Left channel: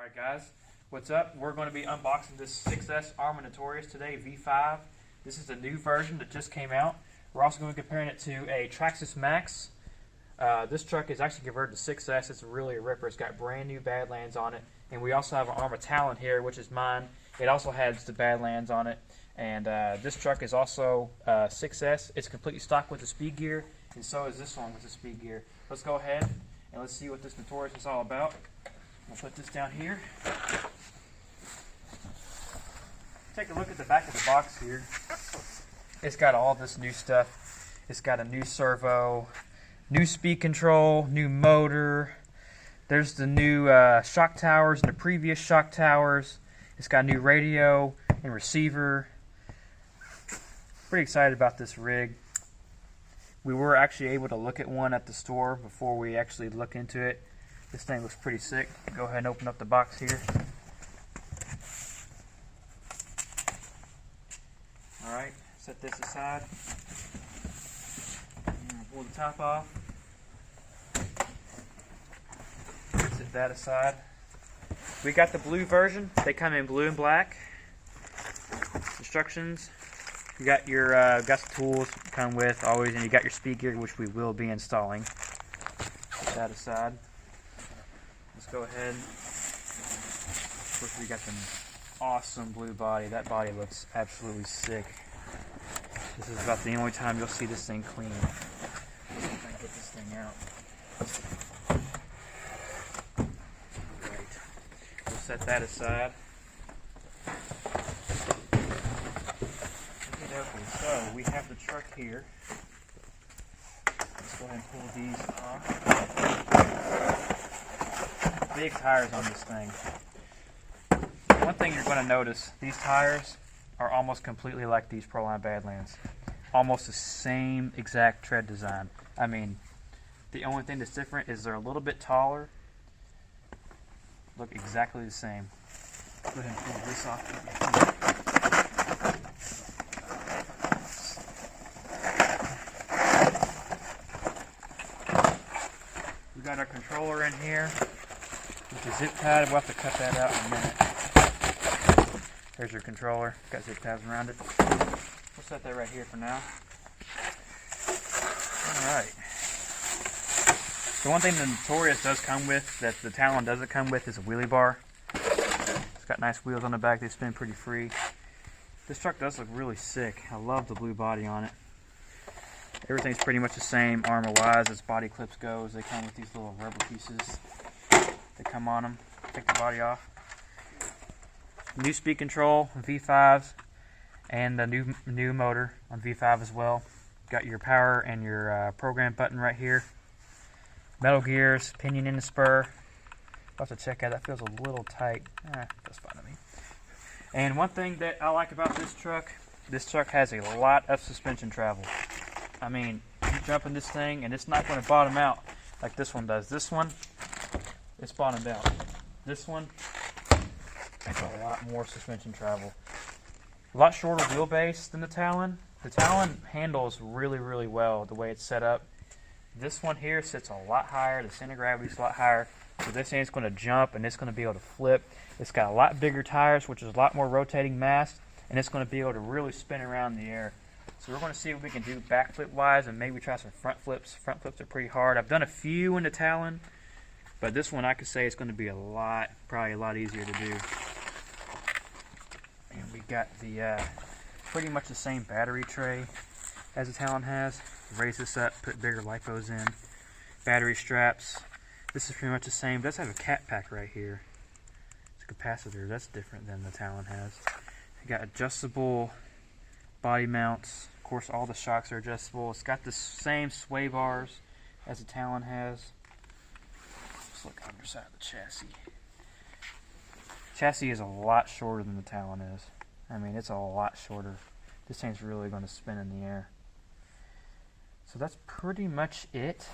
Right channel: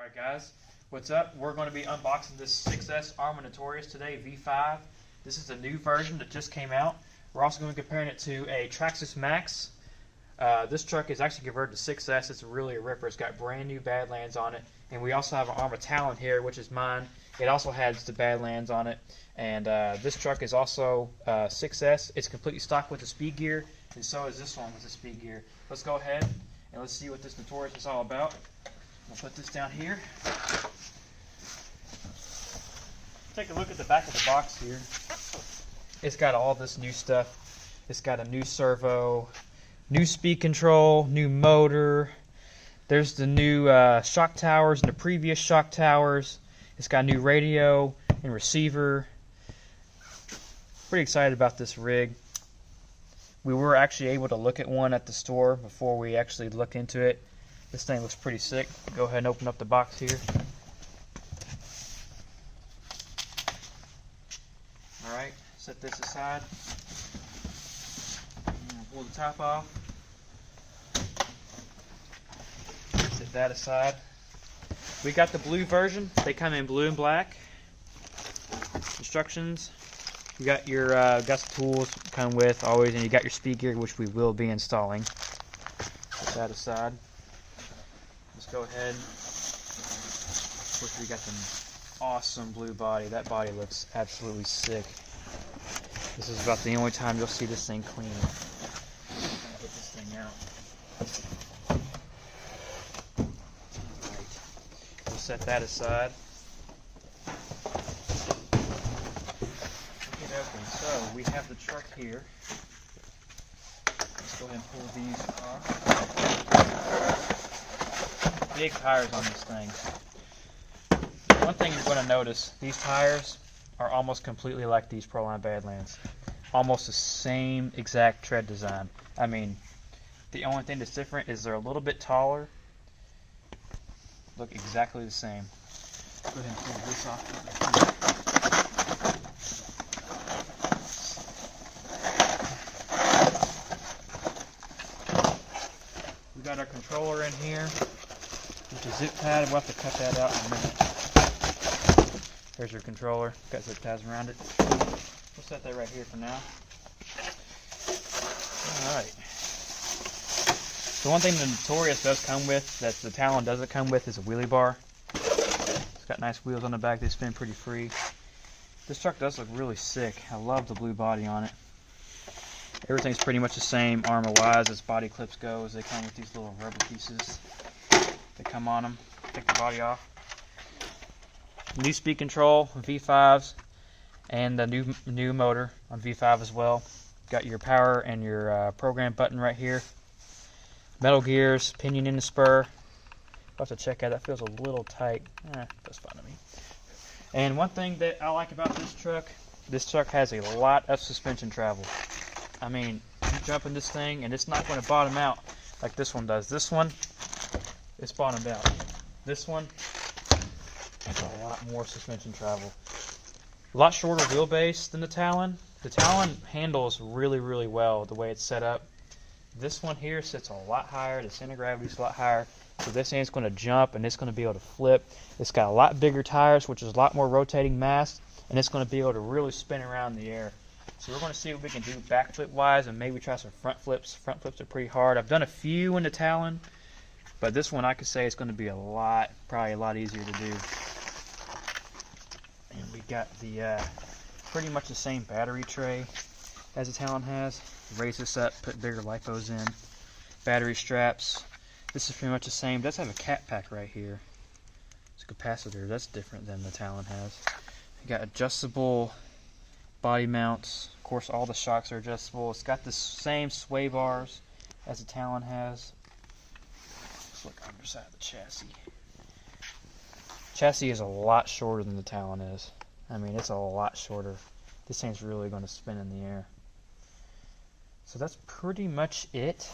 Alright guys, what's up? We're going to be unboxing this 6S Arrma Notorious today, V5. This is the new version that just came out. We're also going to be comparing it to a Traxxas Max. This truck is actually converted to 6S. It's really a ripper. It's got brand new Badlands on it. And we also have an Arrma Talon here, which is mine. It also has the Badlands on it. And this truck is also 6S. It's completely stock with the speed gear, and so is this one with the speed gear. Let's go ahead and let's see what this Notorious is all about. I'll put this down here. Take a look at the back of the box here. It's got all this new stuff. It's got a new servo, new speed control, new motor. There's the new shock towers and the previous shock towers. It's got a new radio and receiver. Pretty excited about this rig. We were actually able to look at one at the store before we actually look into it. This thing looks pretty sick. Go ahead and open up the box here. Alright, set this aside. Pull the top off. Set that aside. We got the blue version. They come in blue and black. Instructions. You got your got the tools come with always, and you got your speed gear, which we will be installing. Put that aside. Let's go ahead. Of course, we got the awesome blue body. That body looks absolutely sick. This is about the only time you'll see this thing clean. I'm gonna get this thing out. Right. We'll set that aside. So we have the truck here. Let's go ahead and pull these off. Big tires on this thing. One thing you're going to notice, these tires are almost completely like these Proline Badlands. Almost the same exact tread design. I mean, the only thing that's different is they're a little bit taller. Look exactly the same. Go ahead and pull this off. We got our controller in here, which is zip tied. We'll have to cut that out in a minute. There's your controller. Got zip ties around it. We'll set that right here for now. Alright. The one thing the Notorious does come with that the Talon doesn't come with is a wheelie bar. It's got nice wheels on the back. They spin pretty free. This truck does look really sick. I love the blue body on it. Everything's pretty much the same Arrma-wise as body clips goes. They come with these little rubber pieces that come on them. Take the body off. New speed control on V5s and the new motor on V5 as well. Got your power and your program button right here. Metal gears, pinion in the spur. I'll have to check out. That feels a little tight. That's fine to me. And one thing that I like about this truck has a lot of suspension travel. I mean, you jump in this thing and it's not going to bottom out like this one does. This one, it's bottomed out. This one, it's a lot more suspension travel. A lot shorter wheelbase than the Talon. The Talon handles really, really well the way it's set up. This one here sits a lot higher. The center of gravity is a lot higher. So this thing's going to jump and it's going to be able to flip. It's got a lot bigger tires, which is a lot more rotating mass, and it's going to be able to really spin around in the air. So we're going to see what we can do backflip wise and maybe try some front flips. Front flips are pretty hard. I've done a few in the Talon, but this one I could say it's going to be probably a lot easier to do. And we got the pretty much the same battery tray as the Talon has. Raise this up, put bigger lipos in. Battery straps. This is pretty much the same. It does have a cat pack right here. It's a capacitor. That's different than the Talon has. You got adjustable body mounts. Of course, all the shocks are adjustable. It's got the same sway bars as the Talon has. Let's look on the side of the chassis. Chassis is a lot shorter than the Talon is. I mean, it's a lot shorter. This thing's really going to spin in the air. So that's pretty much it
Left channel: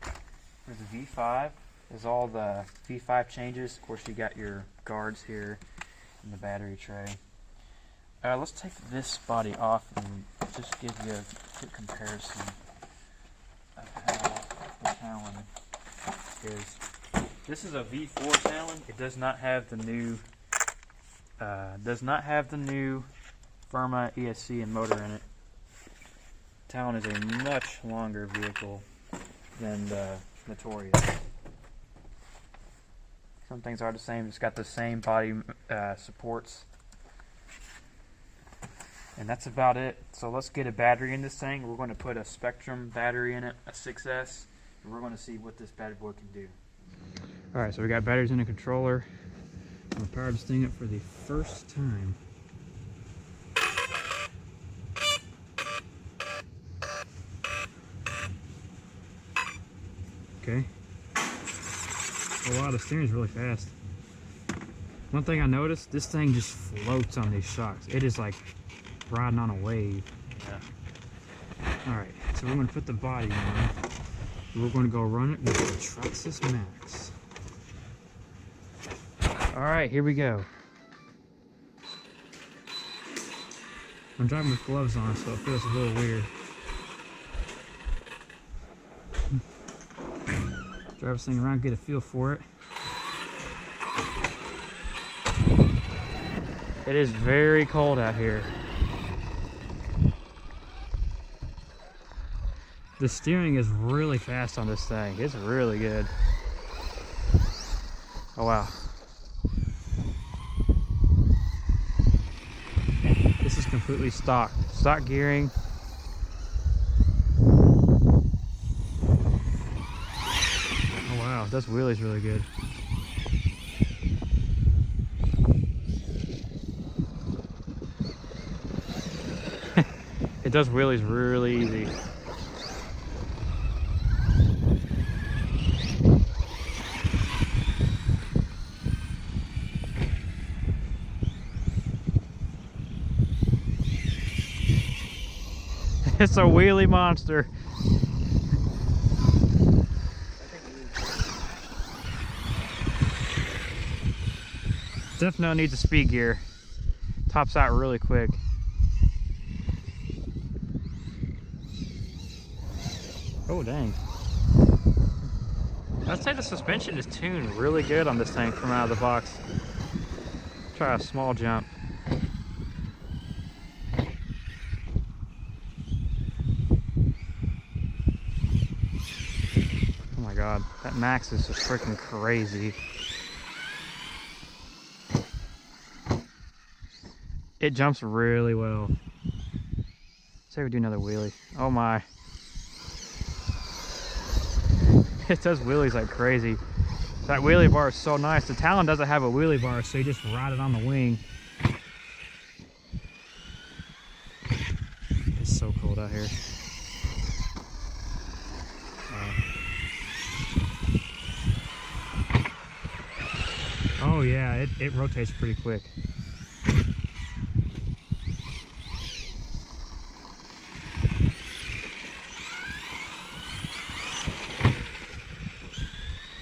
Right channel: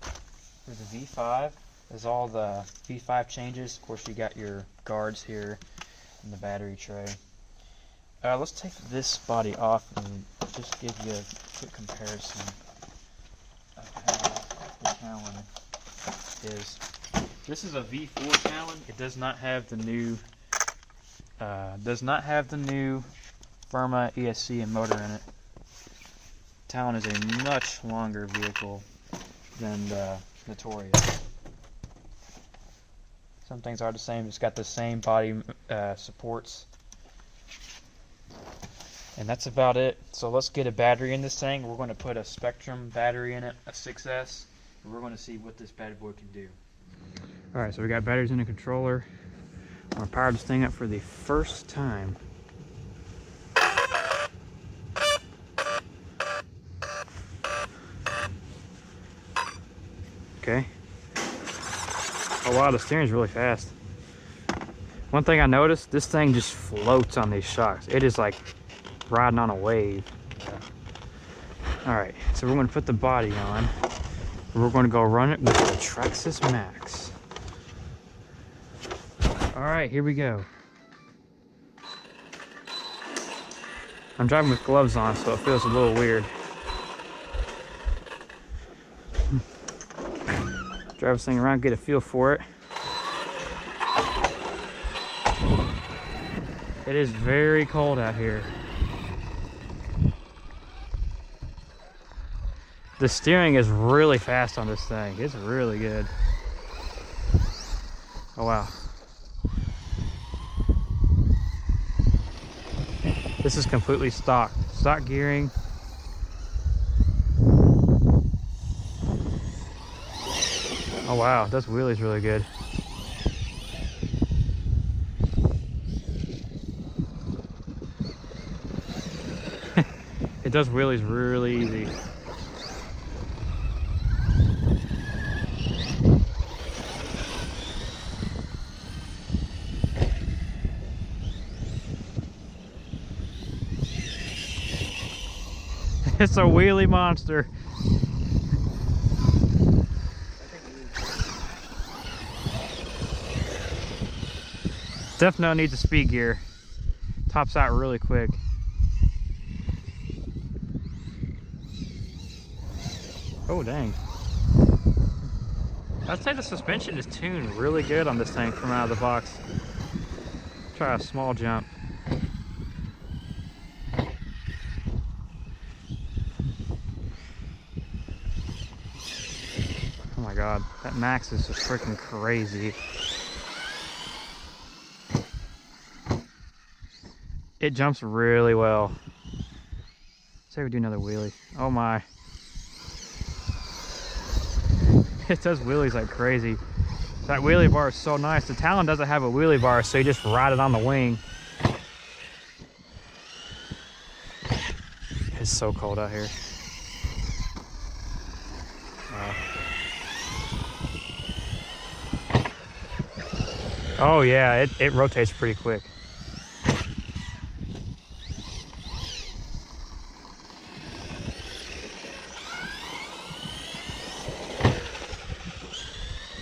for the V5. Is all the V5 changes. Of course, you got your guards here and the battery tray. Let's take this body off and just give you a quick comparison of how the Talon is. This is a V4 Talon. It does not have the new Arrma ESC and motor in it. Talon is a much longer vehicle than the Notorious. Some things are the same. It's got the same body supports. And that's about it. So let's get a battery in this thing. We're going to put a Spectrum battery in it, a 6S, and we're going to see what this bad boy can do. Alright, so we got batteries in the controller. I'm going to power this thing up for the first time. Okay. Oh wow, the steering's really fast. One thing I noticed, this thing just floats on these shocks. It is like riding on a wave. Yeah. Alright, so we're going to put the body on. We're going to go run it with the Traxxas Max. Alright, here we go. I'm driving with gloves on, so it feels a little weird. Drive this thing around, get a feel for it. It is very cold out here. The steering is really fast on this thing. It's really good. Oh wow. This is completely stock gearing. Oh wow, this wheelie's really good. It does wheelies really easy. It's a wheelie monster. Definitely needs a speed gear. Tops out really quick. Oh dang. I'd say the suspension is tuned really good on this thing from out of the box. Try a small jump. Oh my god, that max is just freaking crazy. It jumps really well. Say we do another wheelie. Oh my. It does wheelies like crazy. That wheelie bar is so nice. The Talon doesn't have a wheelie bar, so you just ride it on the wing. It's so cold out here. Oh yeah, it rotates pretty quick.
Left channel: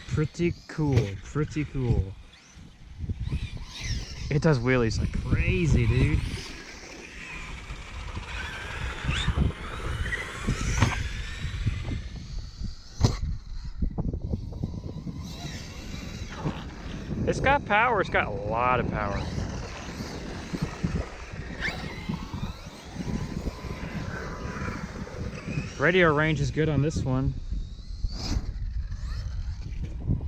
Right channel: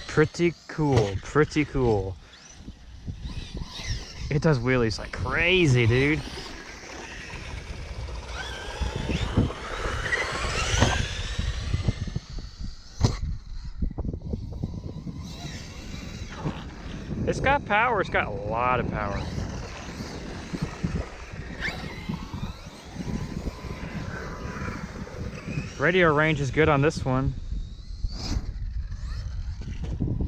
Pretty cool, pretty cool. It does wheelies like crazy, dude. It's got power, it's got a lot of power. Radio range is good on this one.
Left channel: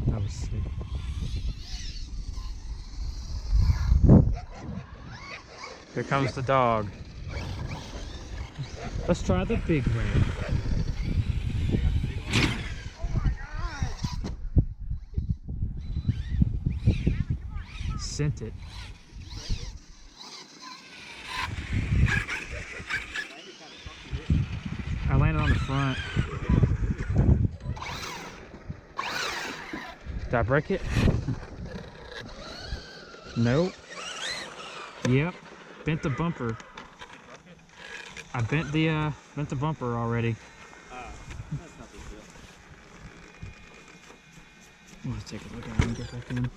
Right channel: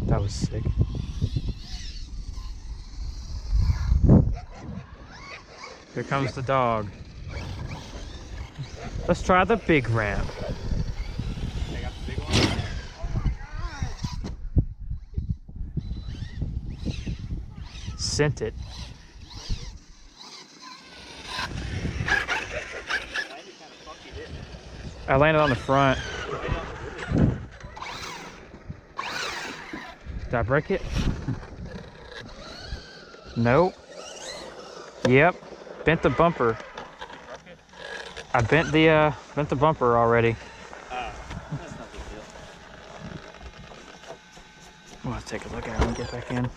That was sick. Here comes the dog. Let's try the big ramp. Sent it. I landed on the front. Did I break it? Nope. Yep. Bent the bumper. I bent the bumper already. I'm gonna take a look at it and get back in.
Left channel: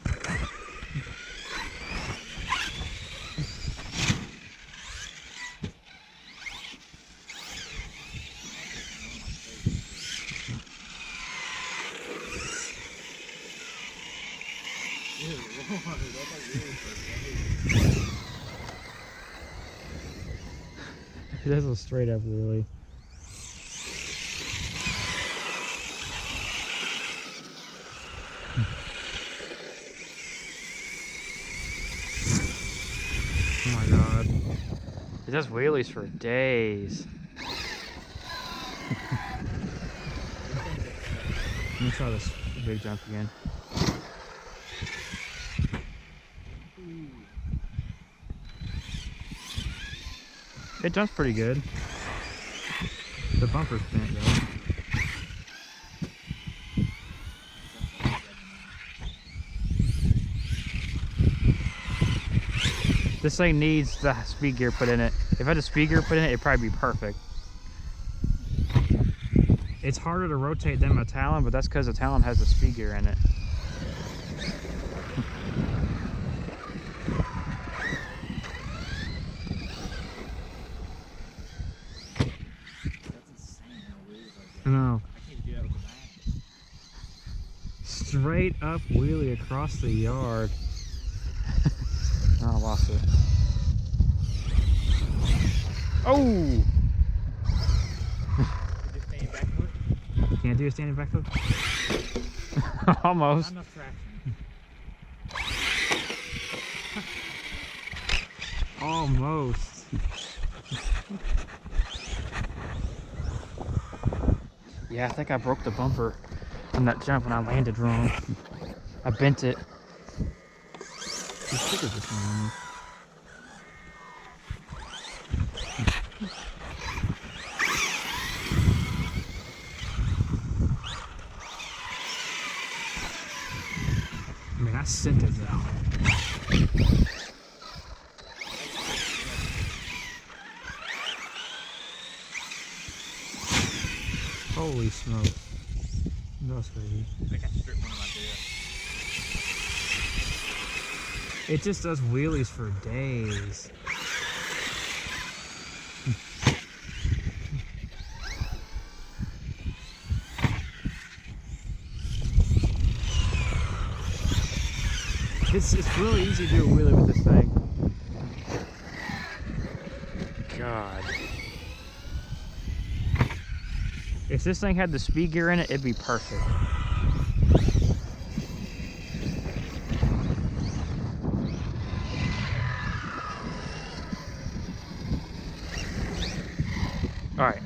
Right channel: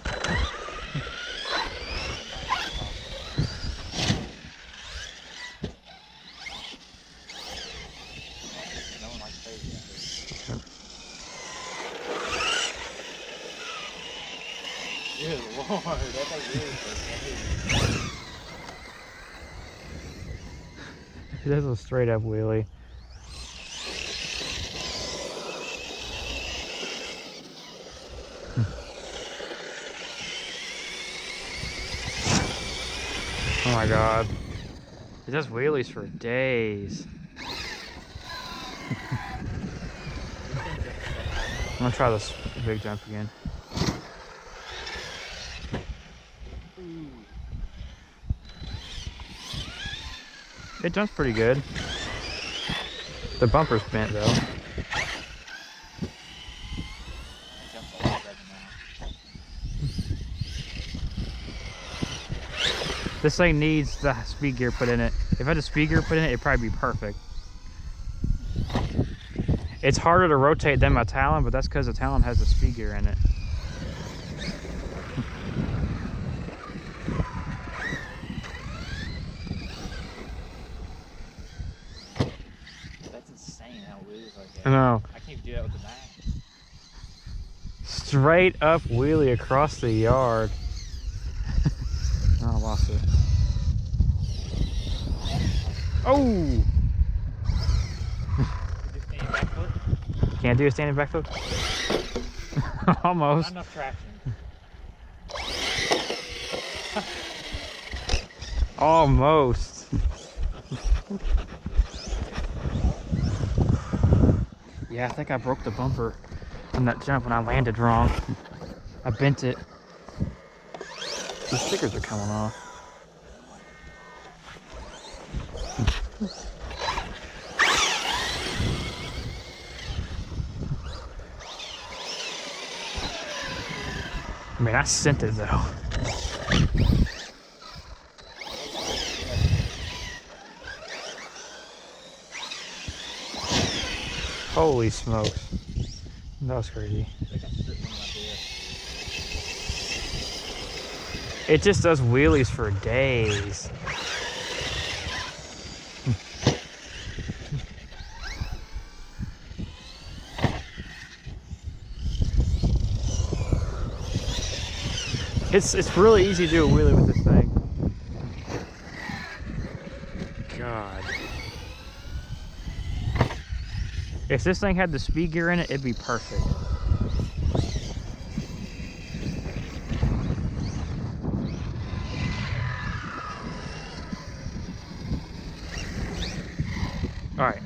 Good Lord, that's like really crazy. That's a straight up wheelie. Oh my god. It does wheelies for days. I'm gonna try this big jump again. It jumps pretty good. The bumper's bent though. This thing needs the speed gear put in it. If I had the speed gear put in it, it'd probably be perfect. It's harder to rotate than my Talon, but that's because the Talon has the speed gear in it. That's insane how wheelies like that. I know. I can't even do that with the nine. Straight up wheelie across the yard. Oh, I lost it. Oh! Can't do a standing back foot? Almost. Not enough traction. Almost. Yeah, I think I broke the bumper on that jump when I landed wrong. I bent it. These stickers are coming off. I mean, I sent it though. Holy smokes. That was crazy. It just does wheelies for days. It's really easy to do a wheelie with this thing. God. If this thing had the speed gear in it, it'd be perfect. All right.